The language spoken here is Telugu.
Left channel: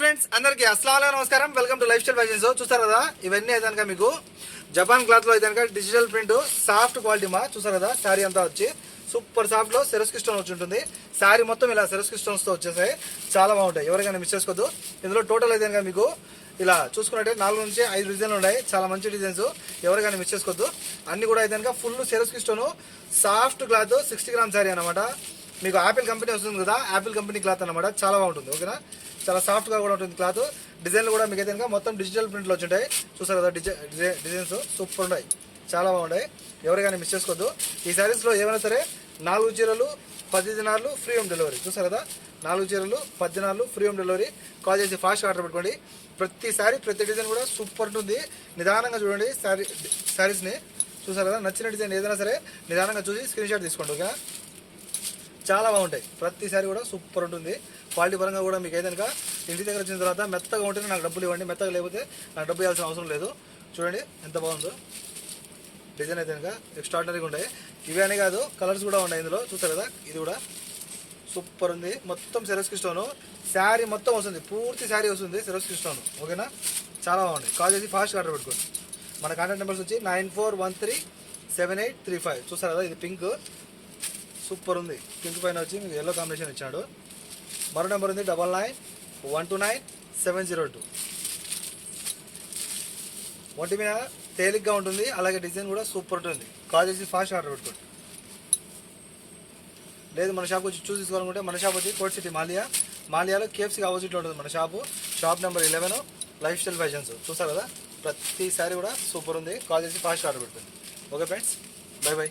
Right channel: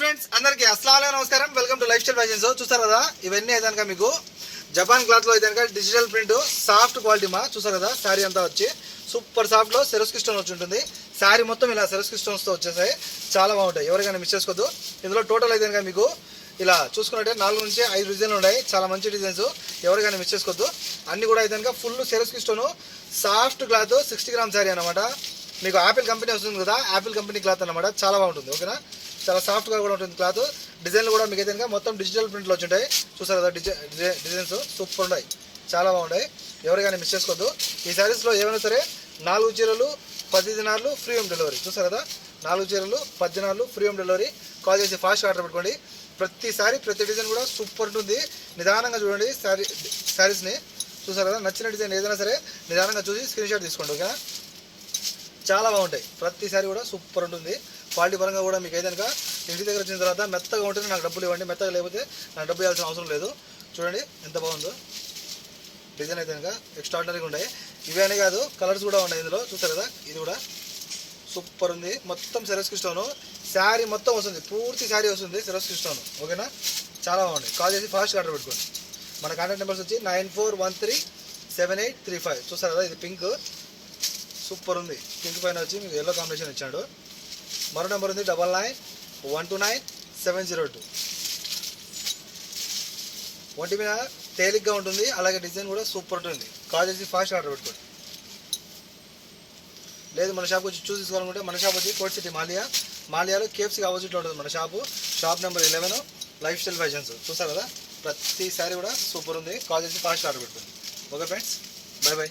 ఫ్రెండ్స్ అందరికి అస్సలాము అలైకుం నమస్కారం. Welcome to life style fashions. చూస్తారు కదా ఇవన్నీ అయితే కనుక మీకు జపాన్ క్లాత్ లో అయితే కనుక డిజిటల్ ప్రింట్ సాఫ్ట్ క్వాలిటీ మా చూస్తారు కదా. శారీ అంతా వచ్చి సూపర్ సాఫ్ట్ లో సెరస్కి స్టోన్ వచ్చి ఉంటుంది. శారీ మొత్తం ఇలా సెరస్కి స్టోన్స్ తో వచ్చేసాయి, చాలా బాగుంటాయి. ఎవరికైనా మిస్ చేసుకోవద్దు. ఇందులో టోటల్ అయితే కనుక మీకు ఇలా చూసుకున్నట్టే 4 నుంచి 5 డిజైన్లు ఉన్నాయి. చాలా మంచి డిజైన్స్, ఎవరికైనా మిస్ చేసుకోవద్దు. అన్ని కూడా అయితే కనుక ఫుల్ సెరస్కి stone soft cloth 60 gram sari అనమాట. మీకు యాపిల్ కంపెనీ వస్తుంది కదా, యాపిల్ కంపెనీ క్లాత్ అనమాట. చాలా బాగుంటుంది. ఓకేనా, చాలా సాఫ్ట్గా కూడా ఉంటుంది క్లాత్. డిజైన్లు కూడా మీకు అయితే మొత్తం డిజిటల్ ప్రింట్లో వచ్చి చూసారు కదా. డిజైన్స్ సూపర్ ఉన్నాయి, చాలా బాగుంటాయి. ఎవరికైనా మిస్ చేసుకోవద్దు. ఈ శారీస్లో ఏమైనా సరే 4 చీరలు 10 దినార్లు ఫ్రీ హోమ్ డెలివరీ. చూసారు కదా, 4 చీరలు 10 దినార్లు ఫ్రీ హోమ్ డెలివరీ. కాల్ చేసి ఫాస్ట్ ఆర్డర్ పెట్టుకోండి. ప్రతిసారి ప్రతి డిజైన్ కూడా సూపర్ ఉంటుంది. నిదానంగా చూడండి శారీస్ని. చూసారు కదా, నచ్చిన డిజైన్ ఏదైనా సరే నిదానంగా చూసి స్క్రీన్ షాట్ తీసుకోండి. ఓకేనా, చాలా బాగుంటాయి. ప్రతిసారి కూడా సూపర్ ఉంటుంది. క్వాలిటీ పరంగా కూడా మీకు ఏదైనా ఇంటి దగ్గర వచ్చిన తర్వాత మెత్తగా ఉంటుంది, నాకు డబ్బులు ఇవ్వండి. మెత్తగా లేకపోతే నాకు డబ్బు ఇవ్వాల్సిన అవసరం లేదు. చూడండి ఎంత బాగుందో డిజైన్ అయితే కనుక ఎక్స్ట్రాడినరీగా ఉంటాయి. ఇవే అని కాదు, కలర్స్ కూడా ఉన్నాయి ఇందులో. చూస్తారు కదా, ఇది కూడా సూపర్ ఉంది. మొత్తం సెరస్కి స్టోను శారీ మొత్తం వస్తుంది, పూర్తి శారీ వస్తుంది సెరస్కి స్టోన్. ఓకేనా, చాలా బాగుంది. కాల్ చేసి ఫాస్ట్ ఆర్డర్ పెట్టుకోండి. మన కాంటాక్ట్ నెంబర్స్ వచ్చి 94137835. చూస్తారు కదా, ఇది పింక్ సూపర్ ఉంది. పింక్ పైన వచ్చి మీకు ఎల్లో కాంబినేషన్ ఇచ్చాడు. మరో నెంబర్ ఉంది 99129702. ఒంటి మీద తేలిగ్గా ఉంటుంది, అలాగే డిజైన్ కూడా సూపర్ ఉంటుంది. కాల్ చేసి ఫాస్ట్ ఆర్డర్ పెట్టుకోండి. లేదు మన షాప్కి వచ్చి చూసి తీసుకోవాలనుకుంటే మన షాప్ వచ్చి కోట్ సిటీ మాలియాలో కేఎఫ్సీకి ఆపోజిట్లో ఉంటుంది మన shop number 11 life style fashions. చూస్తారు కదా, ప్రతి సారీ కూడా సూపర్ ఉంది. కాల్ చేసి ఫాస్ట్ ఆర్డర్ పెట్టుకోండి. Okay friends, by by.